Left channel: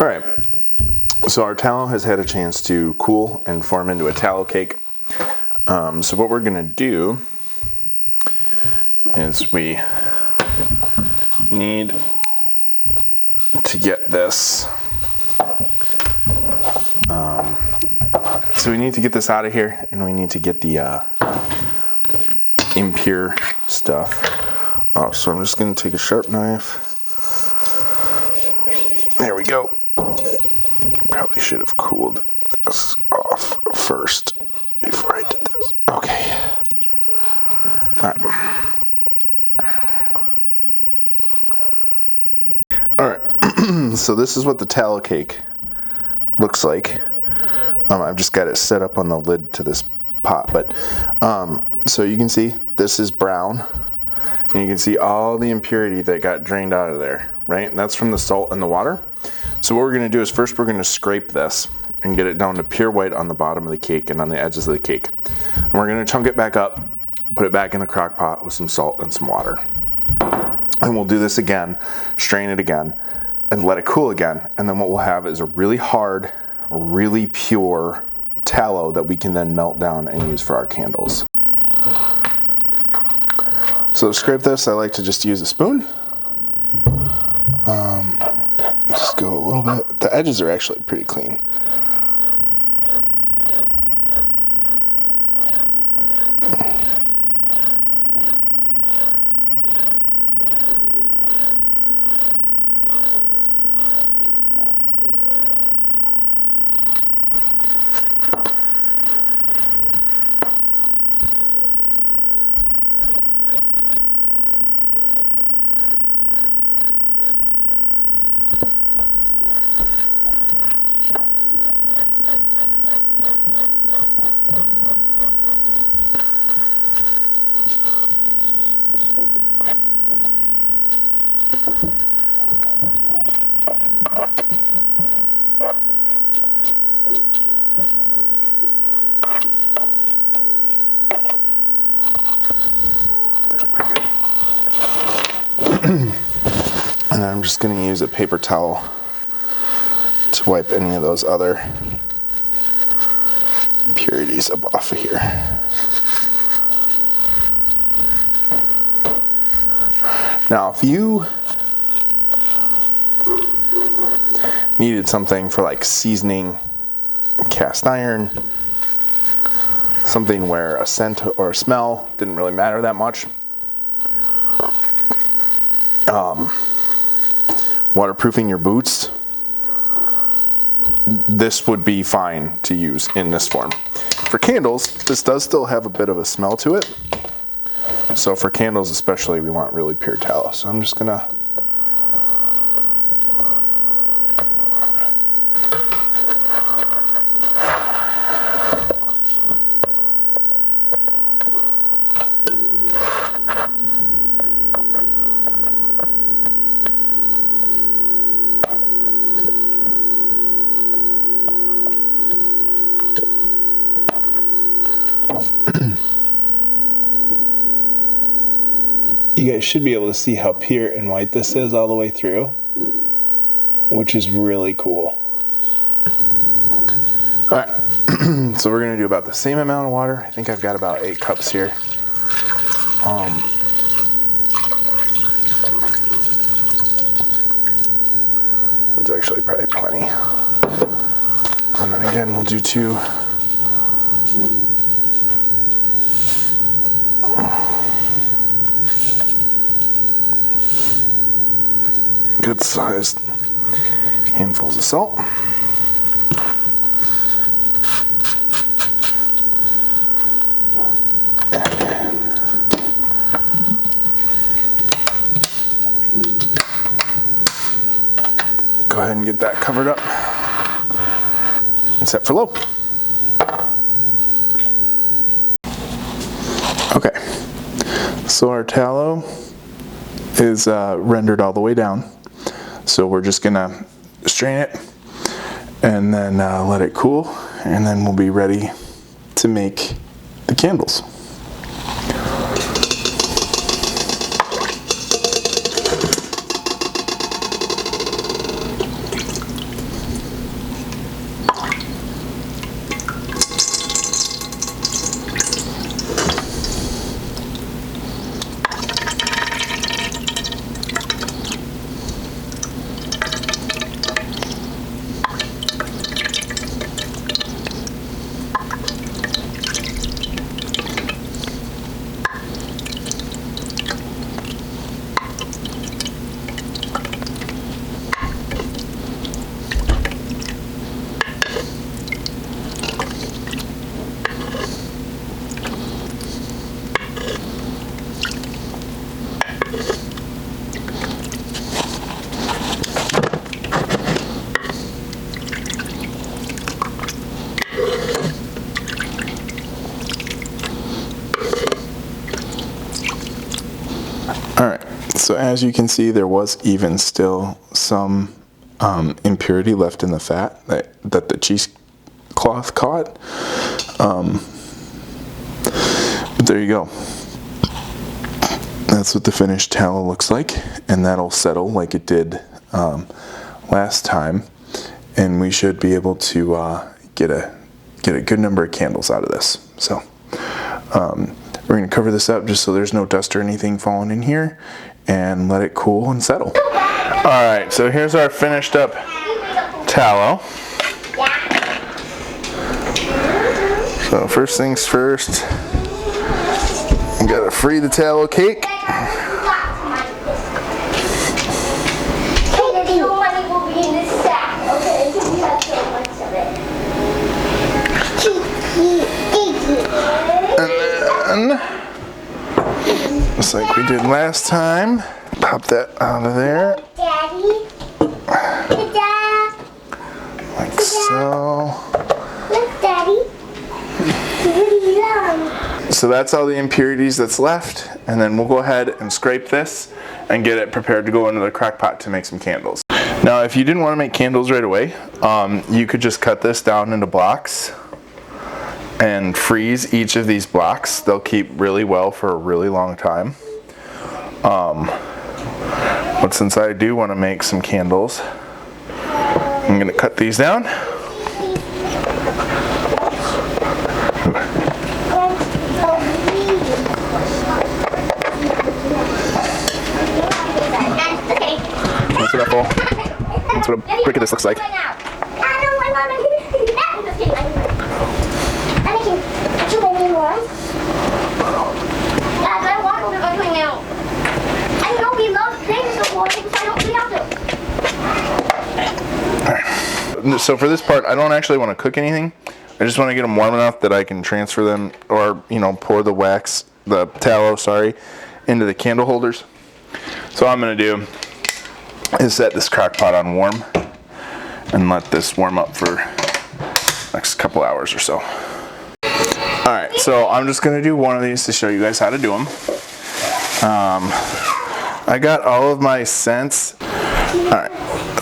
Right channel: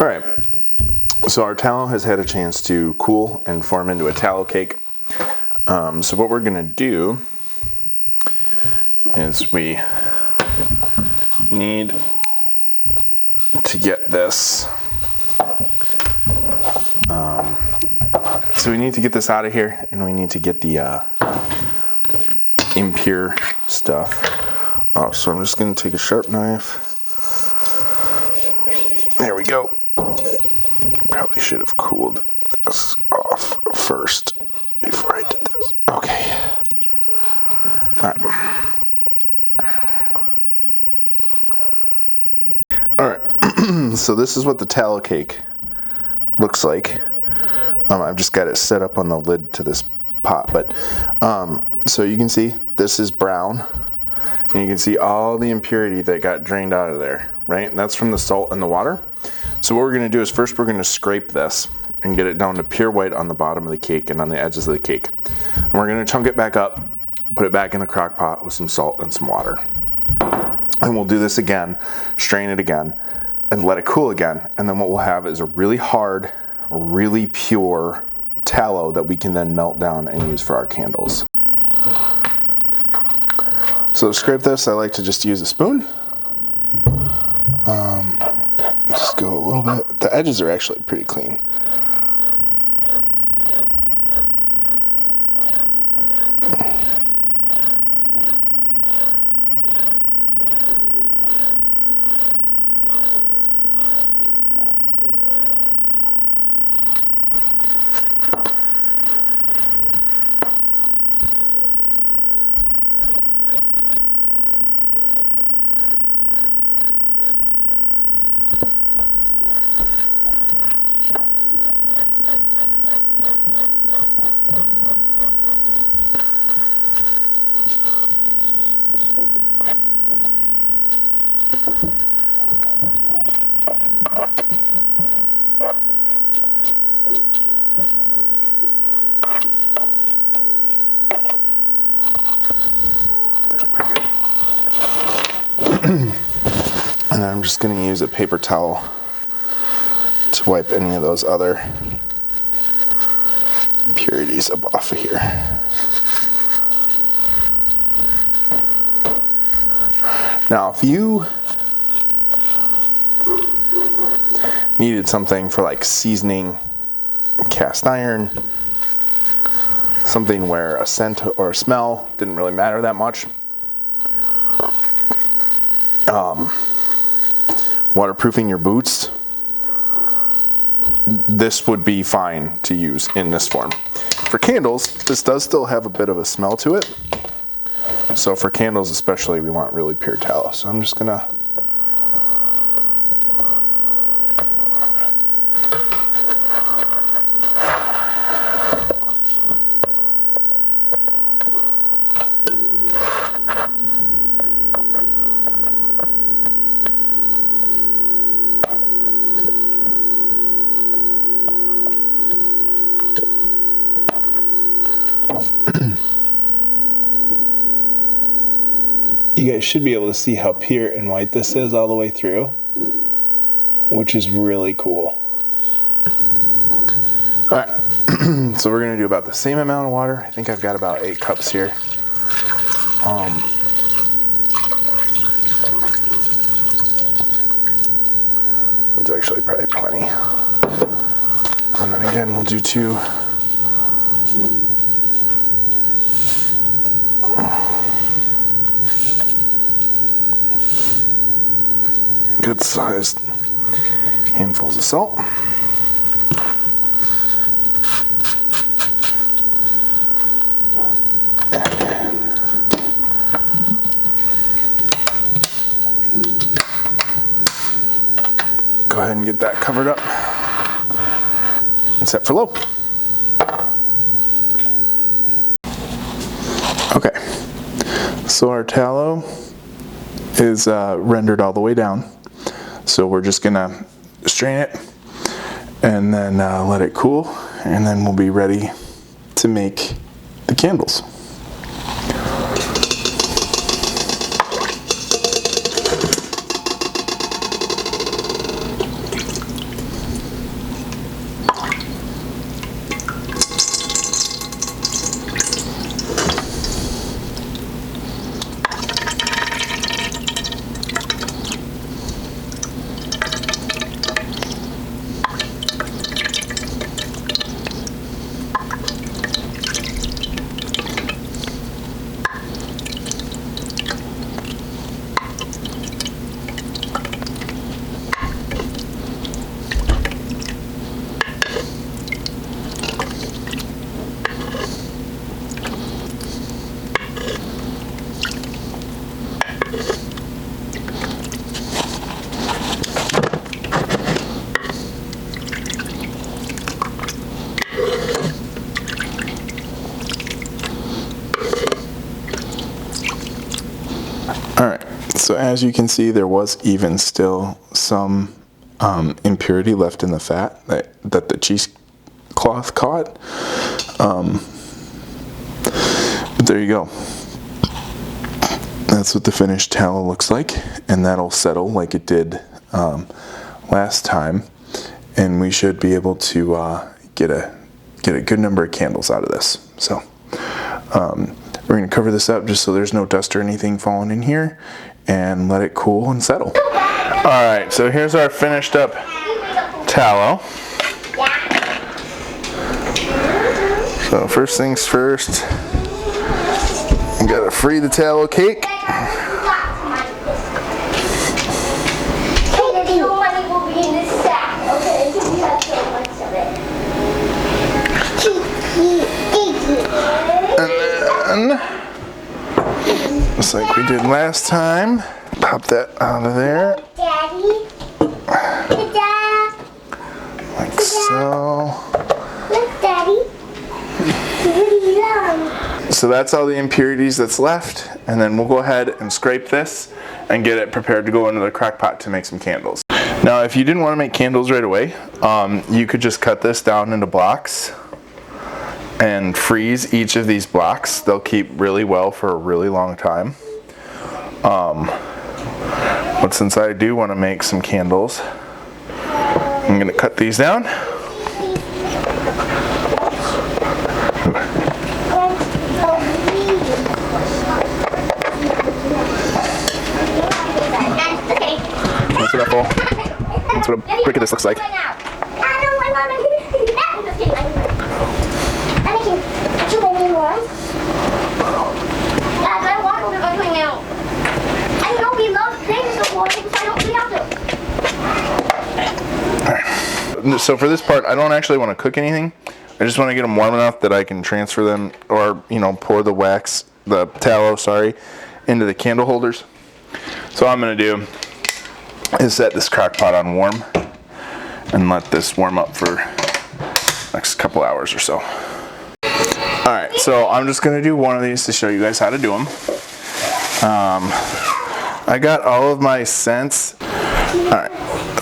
All right, so our tallow has had a chance to cool and form into a tallow cake. So what we're gonna do is we need to get this, so we need to get this out of here, and we need to get the impure stuff off. So I'm just gonna take a sharp knife. There we go. Probably should have cooled this off first before I did this. Okay. All right. So this is what the tallow cake looks like. I've just got it set up on the lid to this pot, but so you can see this is brown, and you can see all the impurity that got drained out of there, right? And that's from the salt and the water. So what we're gonna do is first we're gonna scrape this and get it down to pure white on the bottom of the cake and on the edges of the cake. And we're gonna chunk it back up, put it back in the crock pot with some salt and some water. And we'll do this again, strain it again, and let it cool again. And then what we'll have is a really hard, really pure tallow that we can then melt down and use for our candles. So to scrape this, I like to just use a spoon. Just go a little bit. The edges are actually pretty clean. And I'm just going to use a paper towel to wipe any of those other impurities up off of here. Now, if you needed something for like seasoning cast iron, something where a scent or a smell didn't really matter that much, waterproofing your boots, this would be fine to use in this form. For candles, this does still have a bit of a smell to it. So for candles especially, we want really pure tallow. So I'm just gonna you guys should be able to see how pure and white this is all the way through, which is really cool. All right, so we're gonna do about the same amount of water. I think I've got about 8 cups here. That's actually probably plenty. And then again, we'll do 2. Good sized handfuls of salt. Go ahead and get that covered up and set for low. Okay, so our tallow is rendered all the way down. So we're just gonna strain it and then let it cool, and then we'll be ready to make the candles. So as you can see, there was even still some impurity left in the fat that the cheesecloth caught. But there you go. That's what the finished tallow looks like, and that'll settle like it did last time, and we should be able to get a good number of candles out of this. So we're going to cover this up just so there's no dust or anything falling in here, and let it cool and settle. Alright, so here's our finished up tallow. So first things first, we gotta free the tallow cake. And then, just like we did last time, pop that out of there. Daddy. Like so. Look, Daddy. Really long. So that's all the impurities that's left, and then we'll go ahead and scrape this and get it prepared to go into the crock pot to make some candles. Now, if you didn't want to make candles right away, you could just cut this down into blocks and freeze each of these blocks. They'll keep really well for a really long time. But since I do want to make some candles, I'm going to cut these down. That's what that's what a brick of this looks like. So for this part, I don't actually want to cook anything. I just want to get them warm enough that I can transfer them, or pour the tallow, into the candle holders. So what I'm going to do is set this crock pot on warm and let this warm up for the next couple hours or so. Alright, so I'm just going to do one of these to show you guys how to do them. I got all of my scents. Alright,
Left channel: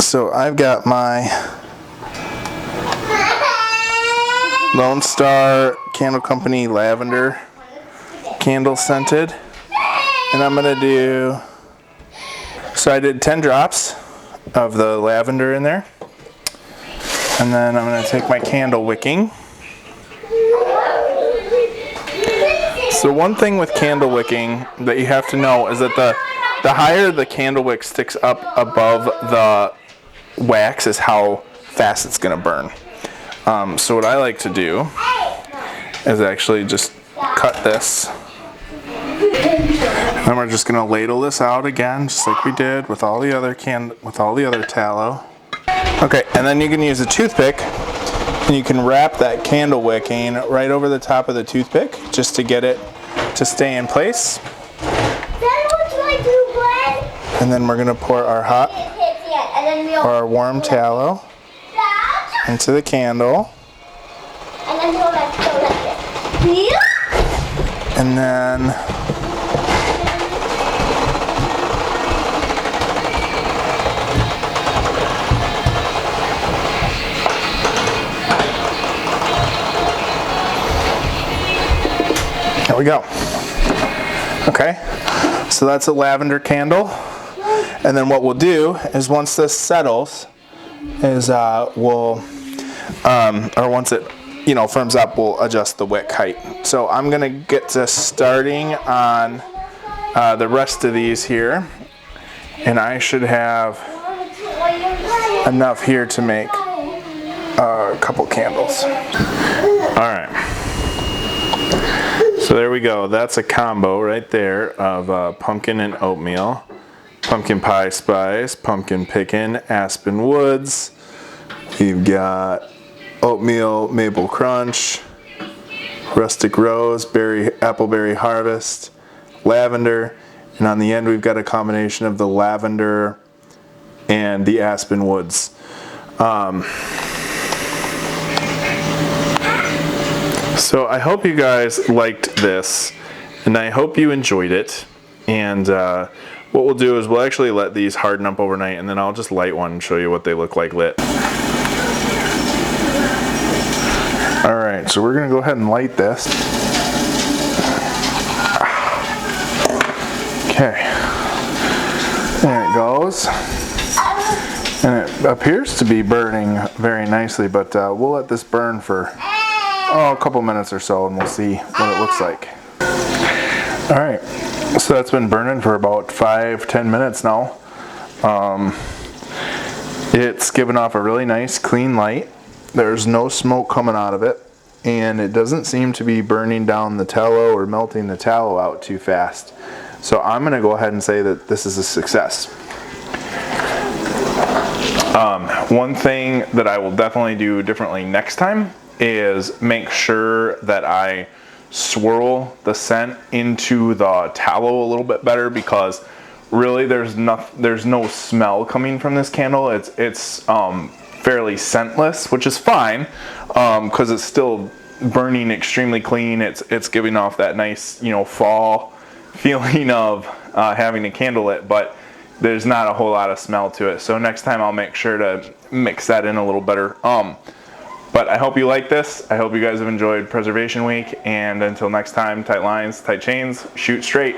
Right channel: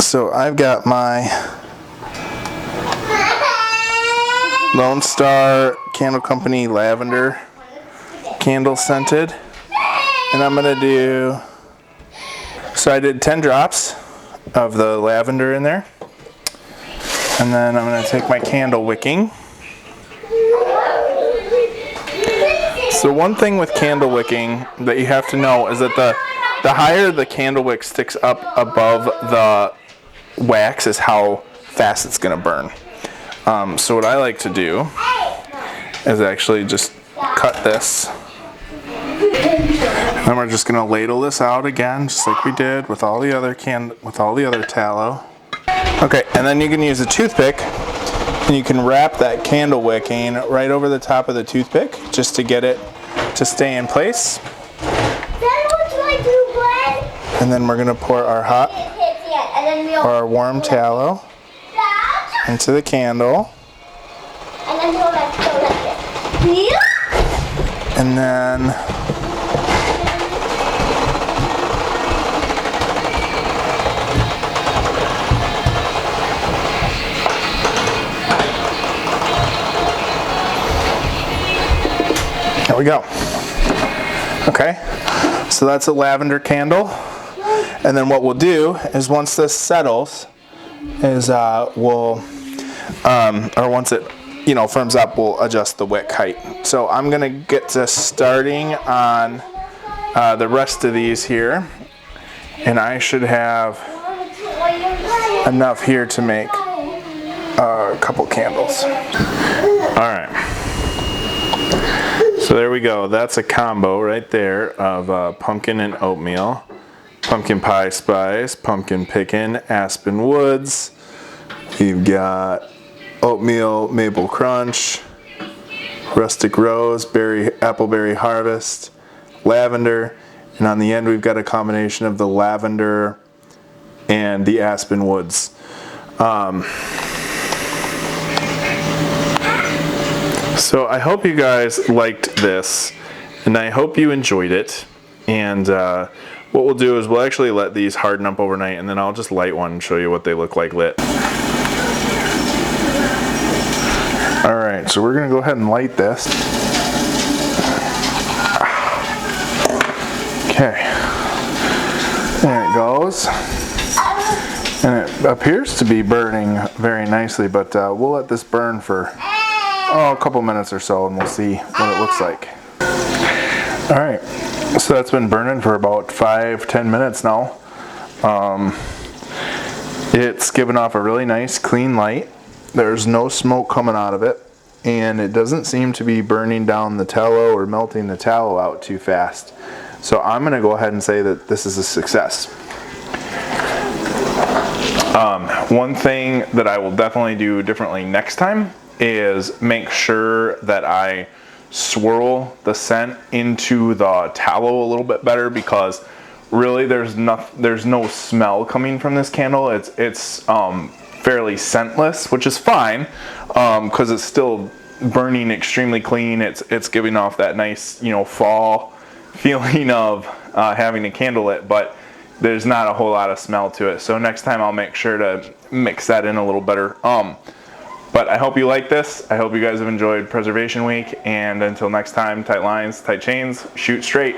so I've got my Lone Star Candle Company Lavender candle scented. And I'm going to do, so I did 10 drops of the lavender in there. And then I'm going to take my candle wicking. So one thing with candle wicking that you have to know is that the higher the candle wick sticks up above the wax is how fast it's going to burn. So what I like to do is actually just cut this. And we're just going to ladle this out again, just like we did with all the other tallow. Okay, and then you can use a toothpick, and you can wrap that candle wicking right over the top of the toothpick, just to get it to stay in place. And then we're going to pour our hot or our warm tallow into the candle. And then there we go. Okay, so that's a lavender candle. And then what we'll do is once this settles, is once it firms up, we'll adjust the wick height. So I'm gonna get to starting on the rest of these here, and I should have enough here to make a couple candles. All right. So there we go. That's a combo right there of pumpkin and oatmeal, pumpkin pie spice, pumpkin pickin', aspen woods. We've got oatmeal maple crunch, rustic rose, appleberry harvest, lavender, and on the end we've got a combination of the lavender and the aspen woods. So I hope you guys liked this, and I hope you enjoyed it. And what we'll do is we'll actually let these harden up overnight, and then I'll just light one and show you what they look like lit. All right, so we're gonna go ahead and light this. Okay, there it goes. And it appears to be burning very nicely, but we'll let this burn for a couple minutes or so, and we'll see what it looks like. All right, so that's been burning for about 5-10 minutes now. It's giving off a really nice clean light. There's no smoke coming out of it, and it doesn't seem to be burning down the tallow or melting the tallow out too fast. So I'm gonna go ahead and say that this is a success. One thing that I will definitely do differently next time is make sure that I swirl the scent into the tallow a little bit better, because really there's no smell coming from this candle. It's fairly scentless, which is fine, because it's still burning extremely clean. It's giving off that nice, fall feeling of having a candle lit, but there's not a whole lot of smell to it. So next time I'll make sure to mix that in a little better. But I hope you like this. I hope you guys have enjoyed Preservation Week, and until next time, tight lines, tight chains, shoot straight.